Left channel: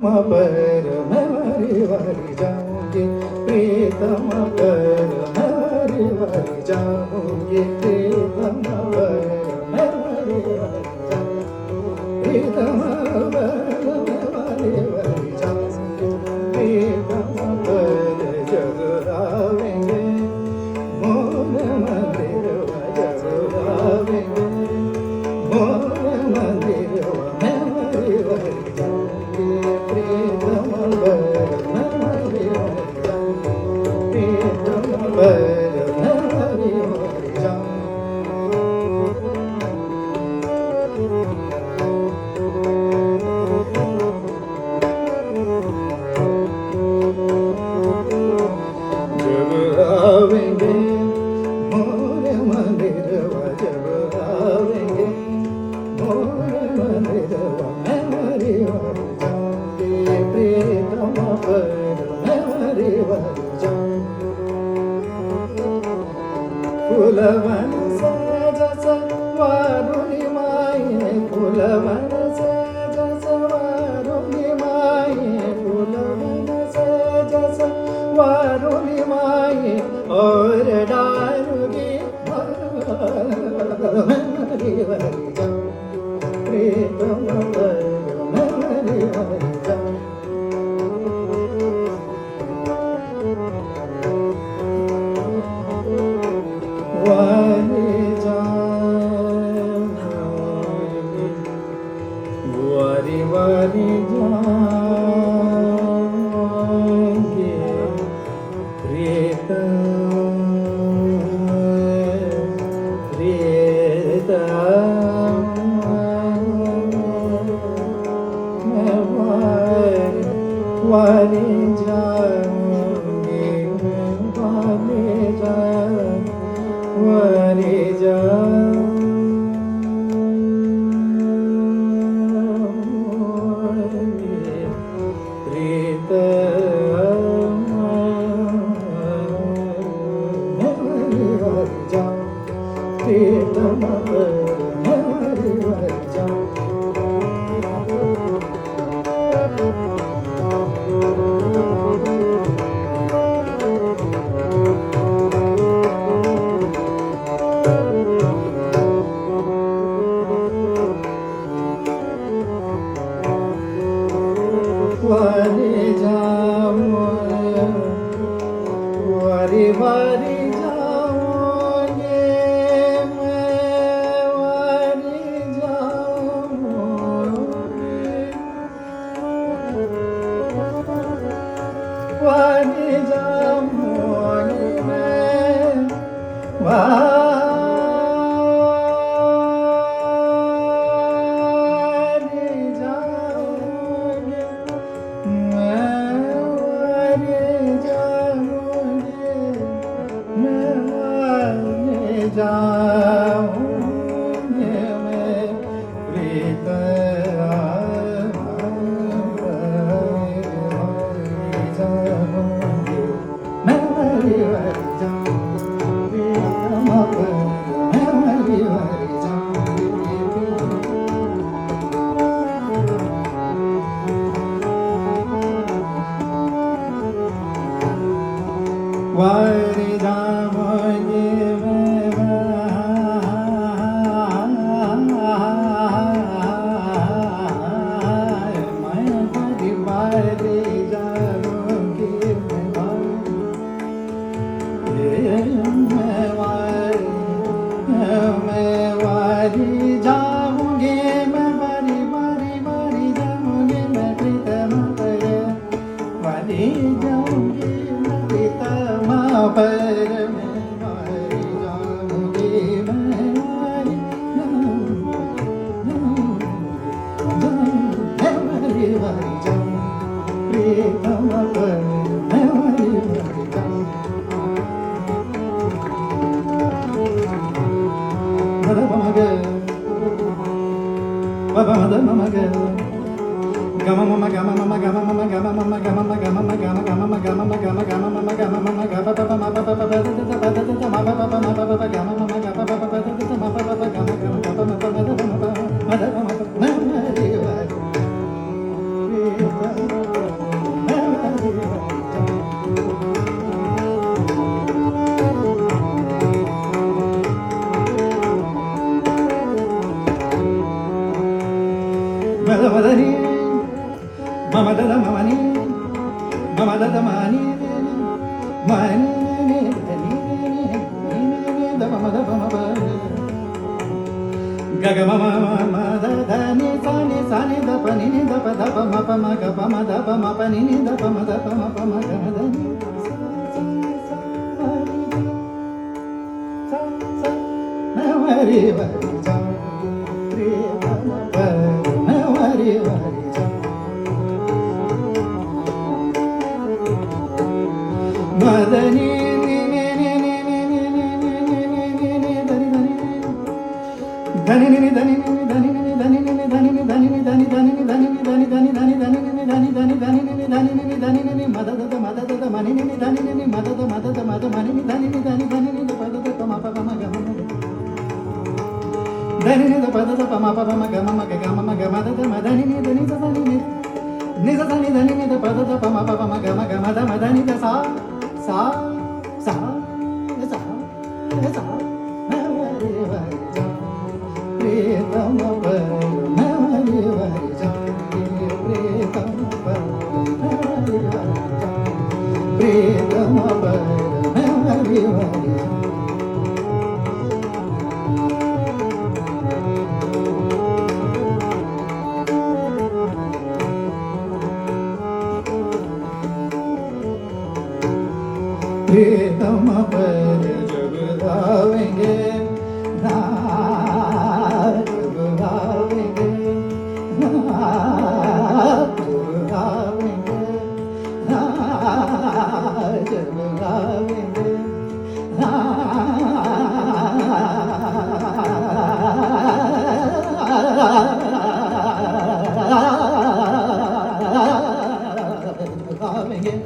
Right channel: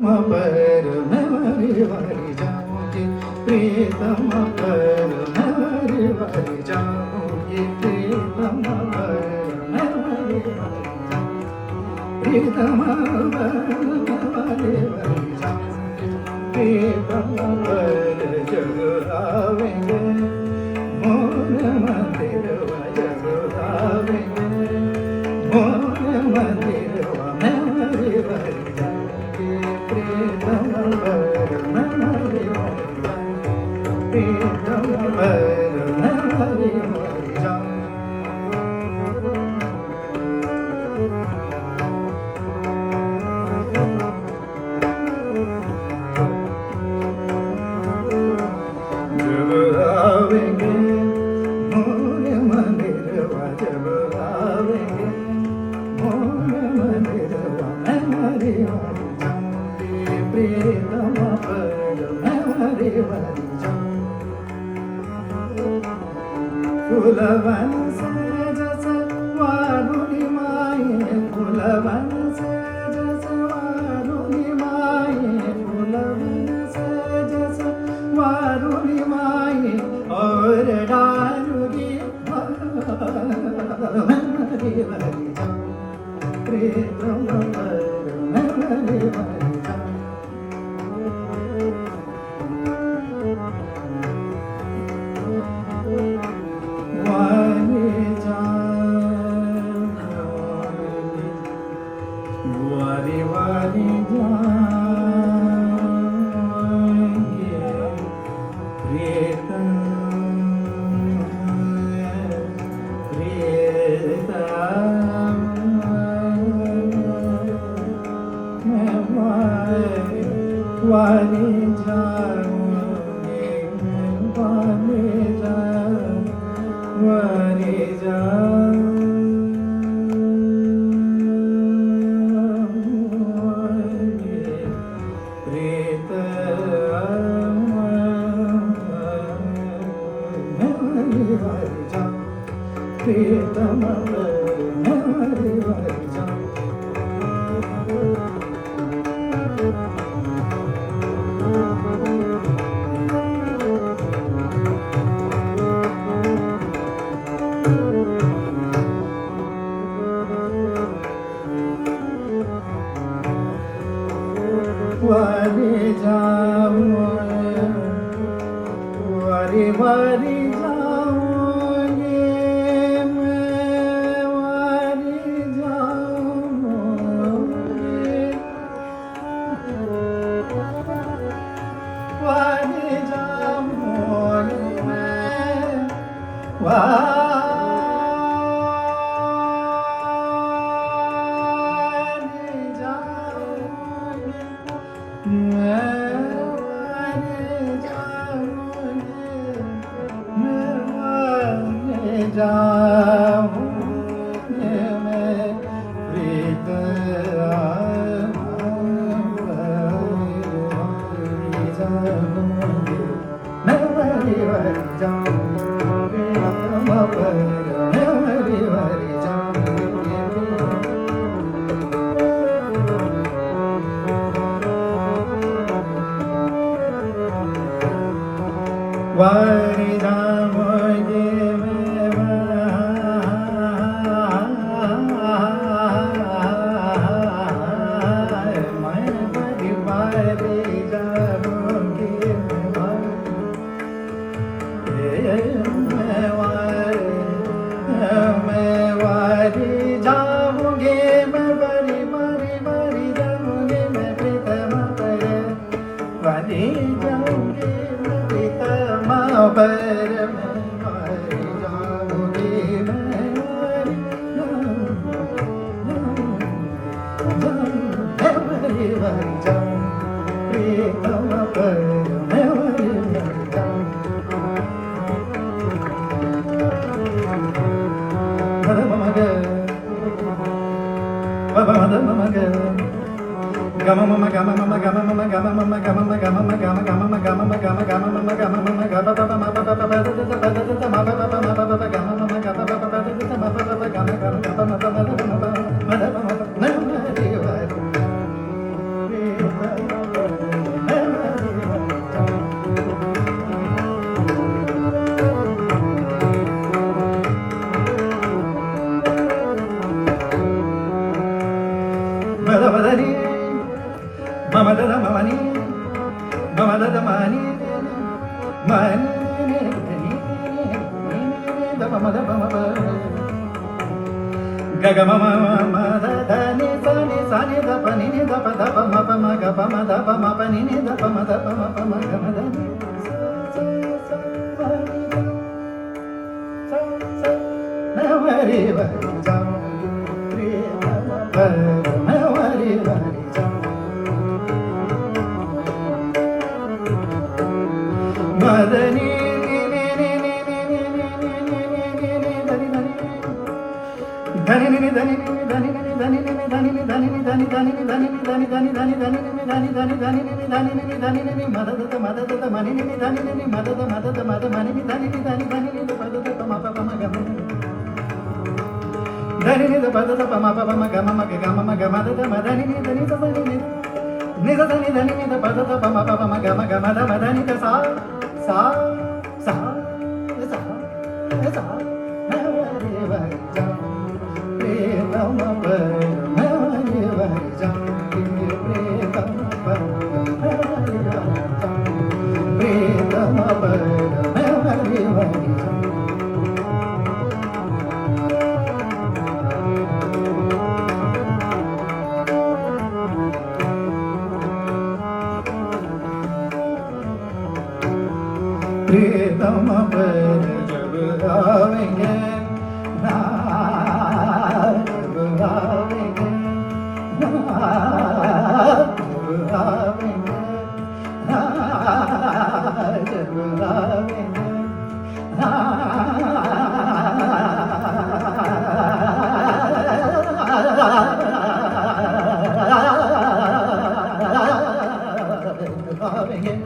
पर नवरी वारी जाऊंगी प्रीतम पर नवरी वारी जाऊंगी प्रीतम पर नवरी वारी जाऊंगी प्रीतम पर नवरी वारी जाऊंगी प्रीतम पर जग आवेंगे मोर मंदिर जग आवेंगे मोर मंदिर नवरी वारी जाऊंगी प्रीतम पर नवरी वारी जाऊंगी प्रीतम पर नवरी वारी जाऊंगी जब आवेंगे मोर मंदिरवा जब आवेंगे मोर मंदिरवा नवरी वारी जाऊंगी प्रीतम पर नवरी वारी जाऊंगी फुलवन से जैसे वारुणी माये फुलवन से जैसे वारुणी माये फुलवन से जैसे वारुणी माये और डारुगी नवरी वारी जाऊंगी प्रीतम पर नवरी वारी जाऊंगी वारी जाऊंगी वारी वारी जाऊंगी प्रीतम वारी जाऊंगी वारी जाऊंगी प्रीतम नवरी वारी जाऊंगी प्रीतम नवरी वारी जाऊंगी वारी जाऊंगी वारी वारी जाऊंगी मैं वारी जाऊंगी वारी जाऊंगी मैं वारी जाऊंगी जाऊंगी मैं प्रीतम जाऊंगी नवरी वारी जाऊंगी प्रीतम पर नवरी वारी जाऊंगी वारी जाऊंगी मैं वारी जाऊंगी मैं वारी वारी वारी जाऊंगी मैं प्रीतम वारी जाऊंगी मैं प्रीतम पर मैं वारी जाऊंगी मैं वारी वारी वारी जाऊंगी प्रीतम पर मैं वारी वारी जाऊंगी Thank you. mama da mani mama da mani mani da mama ga ga mama mama da ni sa ni da pa ni da pa ma pa ma ga pa ma da pa ma pa ni da pa ma da pa ma pa ma ga ma da ni sa na vari vari sa re pa na vari vari sa ma da ni प्रीतम पर जब आवेंगे ना जब आवेंगे ना जब आवेंगे ना जब आवेंगे ना आवेंगे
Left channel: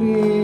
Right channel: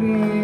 Hare